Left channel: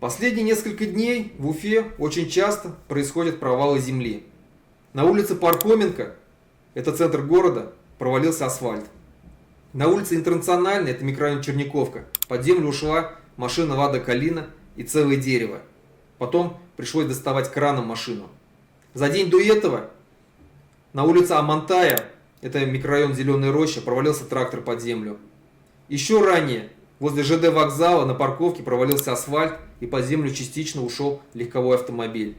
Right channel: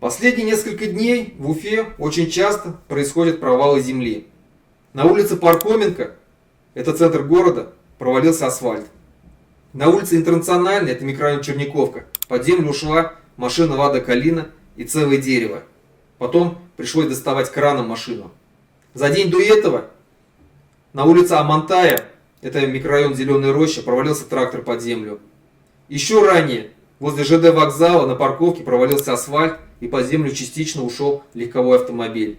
Последние несколько дней в Уфе очень часто происходят провалы земли. На улице Пархоменко, это центр города, провалился асфальт. На улице Интернациональной, это микрорайон Черниковка, под землю ушла машина Лада Калина и целое дерево. Потом пришлось доставать краном машину. За день до этого на улице Амантая, это микрорайон Зеленая Роща, провалился трактор под землю. Еще ранее возле ЖД вокзала на парковке провалился асфальт и под землю частично ушел легковой автомобиль.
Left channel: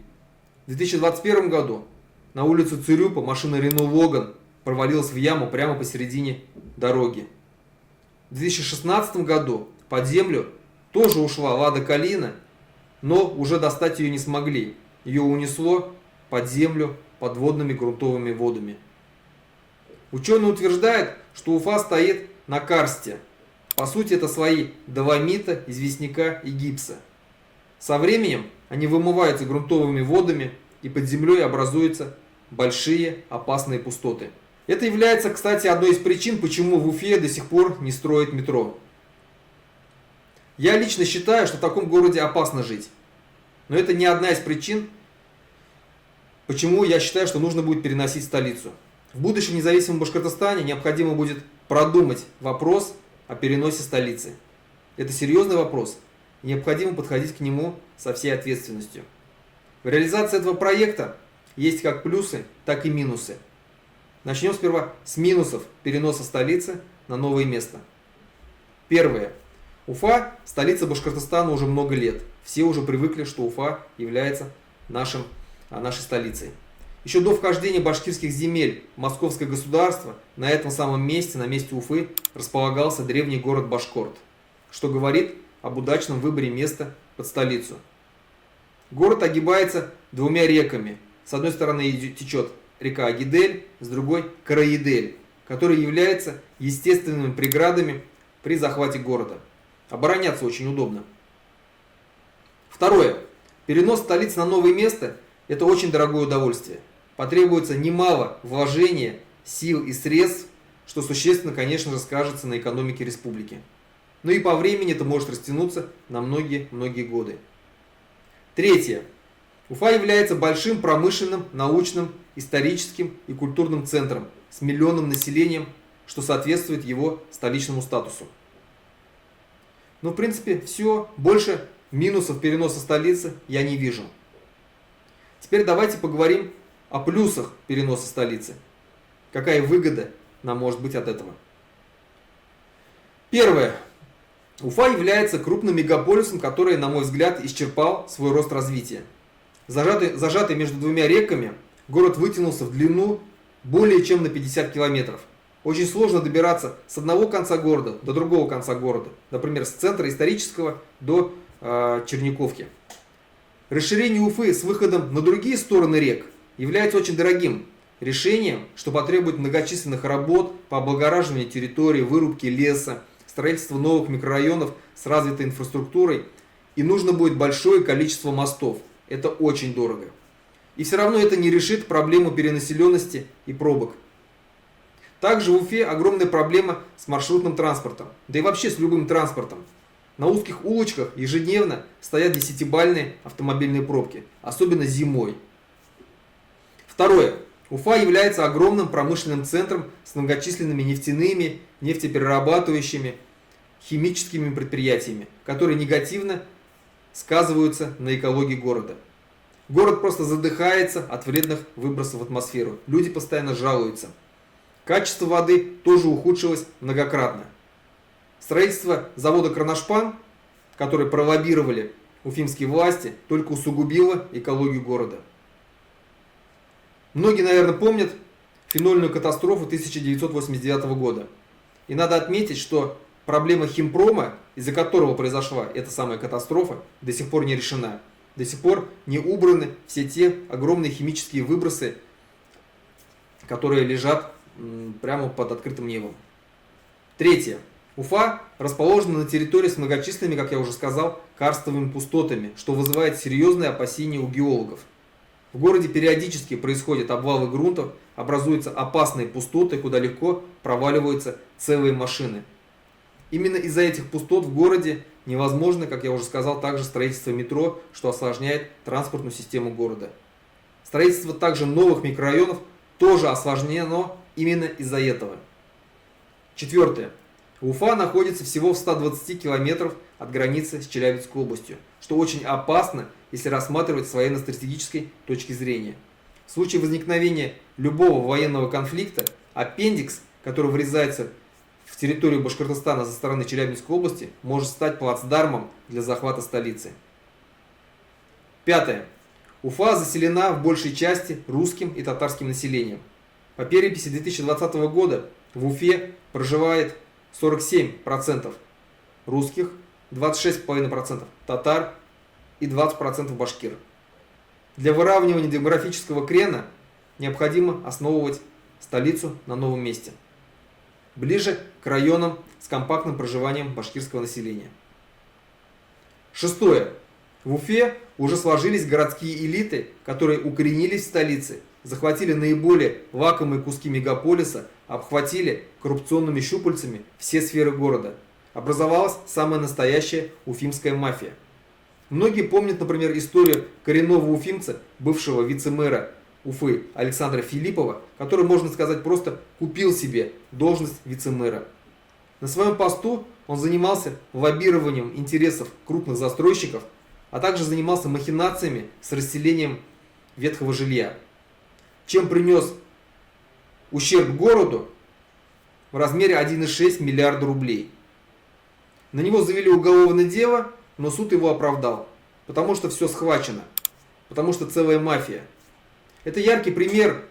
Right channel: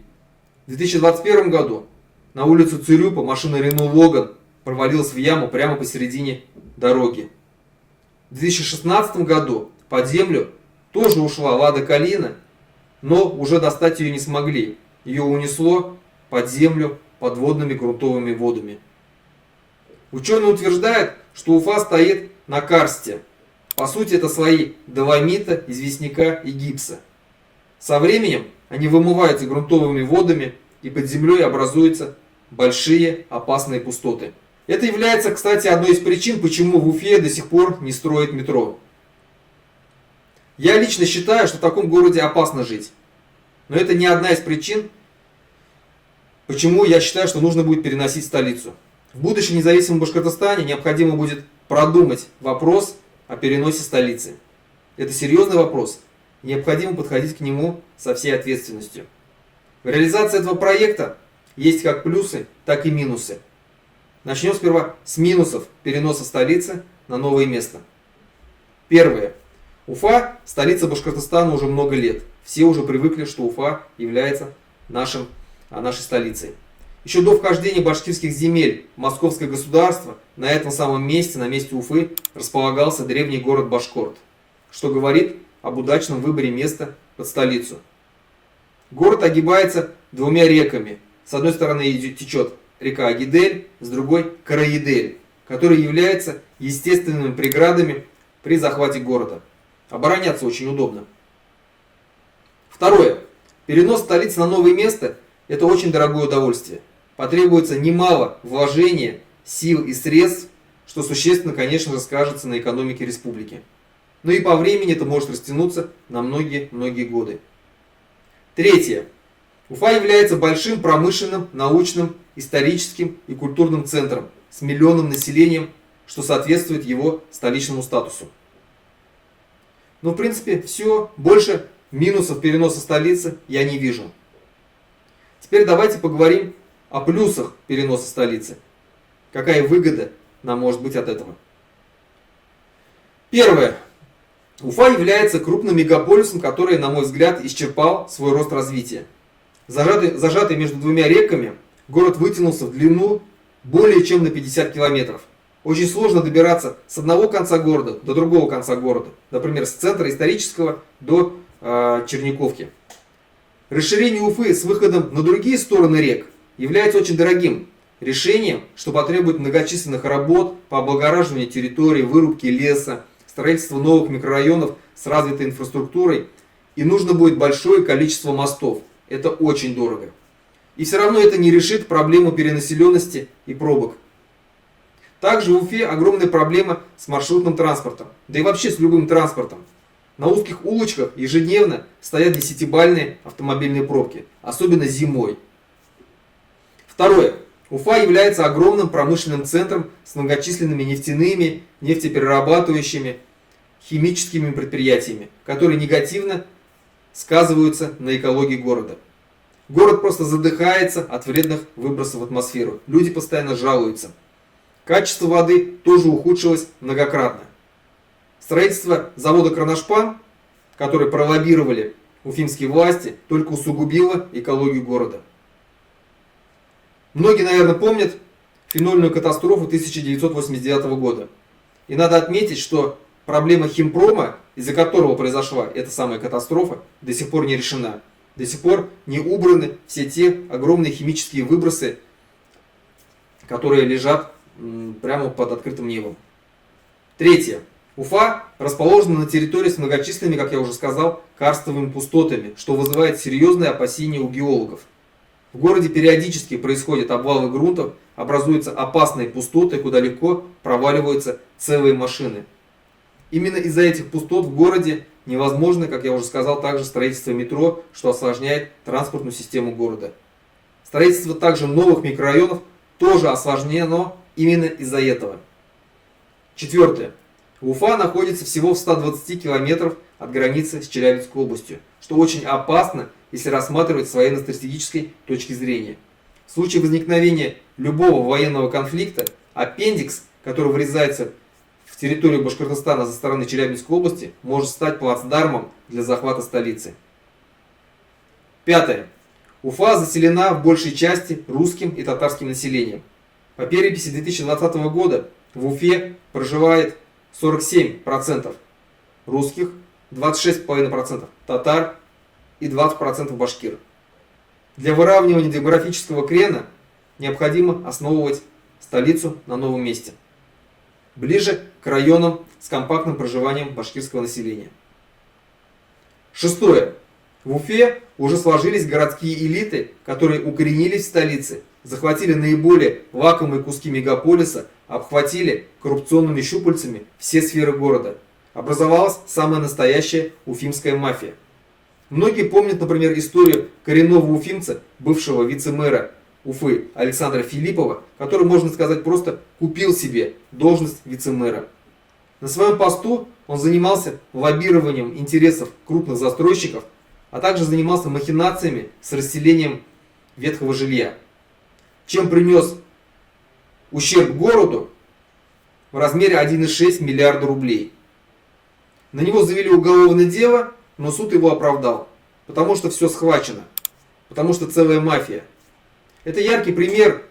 В 2021 году на улицу Цюрюпа машина Renault Logan провалилась в яму прямо посередине дороги. В 2016 году под землю тоже ушла Лада Калина, но уже достать ее не смогли. Ее унесло под землю подводными грунтовыми водами. Ученые утверждают, что Уфа стоит на карсте. По сути, это слои доломита, известняка и гипса. Со временем они вымываются грунтовыми водами, и под землей образуются большие опасные пустоты. Это является, кстати, одной из причин, почему в Уфе до сих пор не строят метро. Я лично считаю, что в таком городе опасно жить. Но это не одна из причин, почему я считаю, что нужно будет переносить столицу. В будущем независимом Башкортостане необходимо будет продумать вопрос о переносе столицы. Это серьезный вопрос. Необходимо подходить к нему со всей ответственностью. В реализации этого проекта есть как плюсы, так и минусы. Начнем сперва с минусов переноса столицы на новое место. Первое. Уфа – столица Башкортостана уже много лет. Все уже привыкли, что Уфа является нашей столицей. Еще до вхождения башкирских земель в московское государство на этом самом месте, на месте Уфы, располагался древний город Башкорт, что говорит об удачном выборе места под столицу. Город огибается двумя реками. С одной стороны течет река Агидель, с другой – Караидель, которые являются естественными преградами при захвате города. Обороняться очень удобно. Второе. Перенос столицы на новое место – это очень дорогое удовольствие. Потребуется немало вложения, сил и средств, что существенно, конечно же, скажется на экономике республики. Но и по времени это может растянуться на многие годы. Третье. Уфа является большим промышленным, научным, историческим и культурным центром с миллионным населением, что соответствует его столичному статусу. Но в принципе все. Больше минусов переноса столицы я не вижу. Теперь давайте поговорим о плюсах переноса столицы. Какая выгода нам может быть от этого? Первое. Уфа является крупным мегаполисом, который, на мой взгляд, исчерпал свой рост развития. Зажатый между двумя реками, город вытянулся в длину более чем на 50 километров. Очень сложно добираться с одного конца города до другого конца города. Например, с центра исторического до Черниковки. Расширение Уфы с выходом на другие стороны рек является очень дорогим решением, что потребует многочисленных работ по облагораживанию территории, вырубке леса, строительству новых микрорайонов с развитой инфраструктурой, и нужно будет большое количество мостов. Это очень дорого. И все равно это не решит проблему перенаселенности и пробок. Также в Уфе огромная проблема с маршрутным транспортом, да и вообще с любым транспортом. На узких улочках ежедневно стоят 10-бальные автомобильные пробки, особенно зимой. Второе. Уфа является огромным промышленным центром с многочисленными нефтяными, нефтеперерабатывающими, химическими предприятиями, которые негативно сказываются на экологии города. Город просто задыхается от вредных выбросов в атмосферу. Люди постоянно жалуются. Качество воды тоже ухудшилось многократно. Строительство завода «Кроношпан», который пролоббировали уфимские власти, только усугубило экологию города. Многие, наверное, помнят фенольную катастрофу 1989 года. И надо отметить, что проблема химпрома, из-за которого произошла эта самая катастрофа, до сих пор не решена. До сих пор не убраны все те огромные химические выбросы, которые лежат прямо под открытым небом. Третье. Уфа расположена на территории с многочисленными, как я уже сказал, карстовыми пустотами, что вызывает серьезные опасения у геологов. В городе периодически происходят обвалы грунтов, образуются опасные пустоты, куда легко проваливаются целые машины. Именно из-за этих пустот в городе невозможно, как я уже сказал, также строительство метро, что осложняет транспортную систему города. Строительство также новых микрорайонов тоже осложнено именно из-за этого. Четвертое. Уфа находится всего в 120 километров от границы с Челябинской областью, что очень опасно, если рассматривать с военно-стратегической точки зрения. В случае возникновения любого военного конфликта, аппендикс, который врезается в территорию Башкортостана со стороны Челябинской области, может стать плацдармом для захвата столицы. Пятое. Уфа заселена в большей части русским и татарским населением. По переписи 2020 года в Уфе проживает 47% русских, 26,5% татар и 20% башкир. Для выравнивания демографического крена необходимо основывать столицу на новом месте, ближе к районам с компактным проживанием башкирского населения. Шестое. В Уфе уже сложились городские элиты, которые укоренились в столице, захватили наиболее лакомые куски мегаполиса, обхватили коррупционными щупальцами все сферы города. Образовалась самая настоящая уфимская мафия. Многие помнят, например, историю коренного уфимца, бывшего вице-мэра Уфы Александра Филиппова, который, можно сказать, просто купил себе должность вице-мэра. На своем посту он занимался лоббированием интересов крупных застройщиков, а также занимался махинациями с расселением ветхого жилья, чем принес ущерб городу в размере 1,6 миллиарда рублей. На него завели уголовное дело, но суд его оправдал, потому что все схвачено, потому что целая мафия. Это яркий пример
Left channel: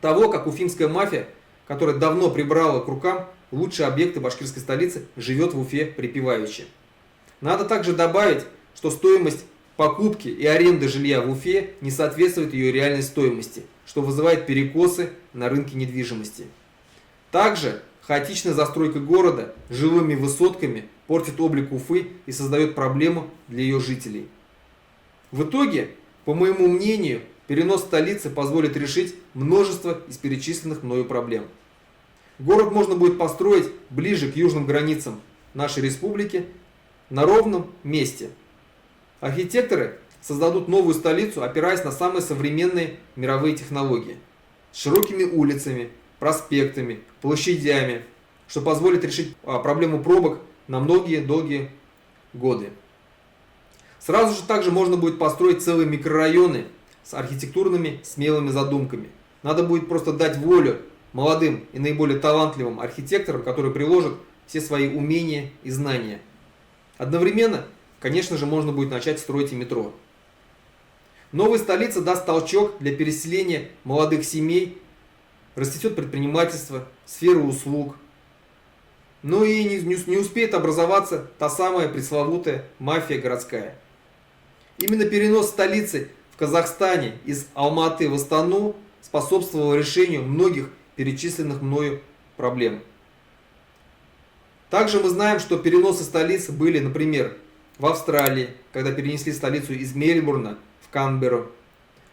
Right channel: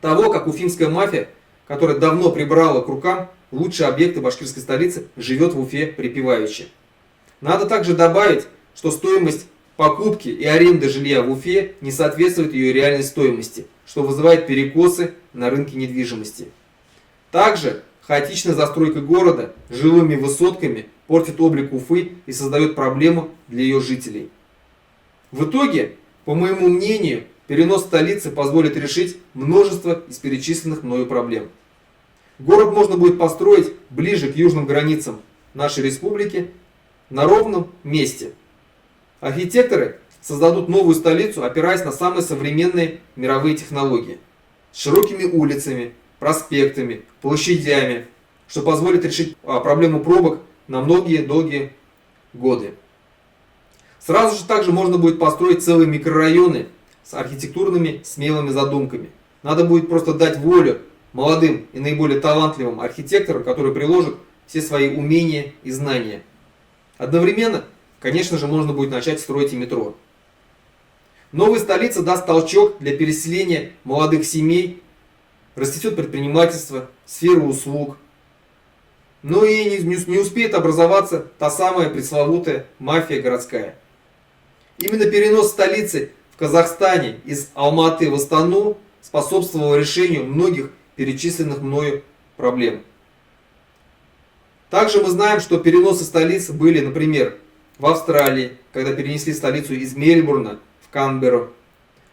того, как уфимская мафия, которая давно прибрала к рукам лучшие объекты башкирской столицы, живет в Уфе припеваючи. Надо также добавить, что стоимость покупки и аренды жилья в Уфе не соответствует ее реальной стоимости, что вызывает перекосы на рынке недвижимости. Также хаотичная застройка города жилыми высотками портит облик Уфы и создает проблему для ее жителей. В итоге, по моему мнению, перенос столицы позволит решить множество из перечисленных мною проблем. Город можно будет построить ближе к южным границам нашей республики на ровном месте. Архитекторы создадут новую столицу, опираясь на самые современные мировые технологии, с широкими улицами, проспектами, площадями, что позволит решить проблему пробок на многие долгие годы. Сразу же также можно будет построить целые микрорайоны с архитектурными смелыми задумками. Надо будет просто дать волю молодым и наиболее талантливым архитекторам, которые приложат все свои умения и знания. Одновременно, конечно же, можно будет начать строить и метро. Новая столица даст толчок для переселения молодых семей, растет предпринимательство, сфера услуг. Но и не успеет образоваться та самая пресловутая мафия городская. Именно перенос столицы в Казахстане из Алматы в Астану способствовал решению многих перечисленных мною проблем. Также мы знаем, что переносы столиц были, например, в Австралии, когда перенесли столицу из Мельбурна в Канберру,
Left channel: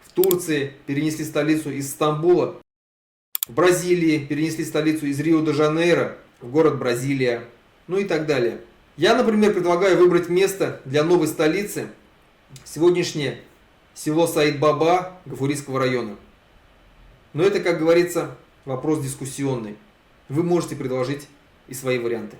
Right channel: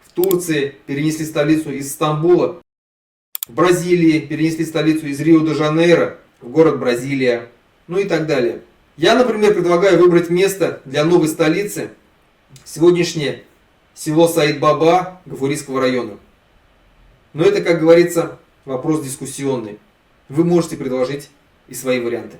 в Турции перенесли столицу из Стамбула, в Бразилии перенесли столицу из Рио-де-Жанейро в город Бразилия, ну и так далее. Я, например, предлагаю выбрать место для новой столицы сегодняшнее село Саид-Баба Гафурийского района. Но это, как говорится, вопрос дискуссионный. Вы можете предложить и свои варианты.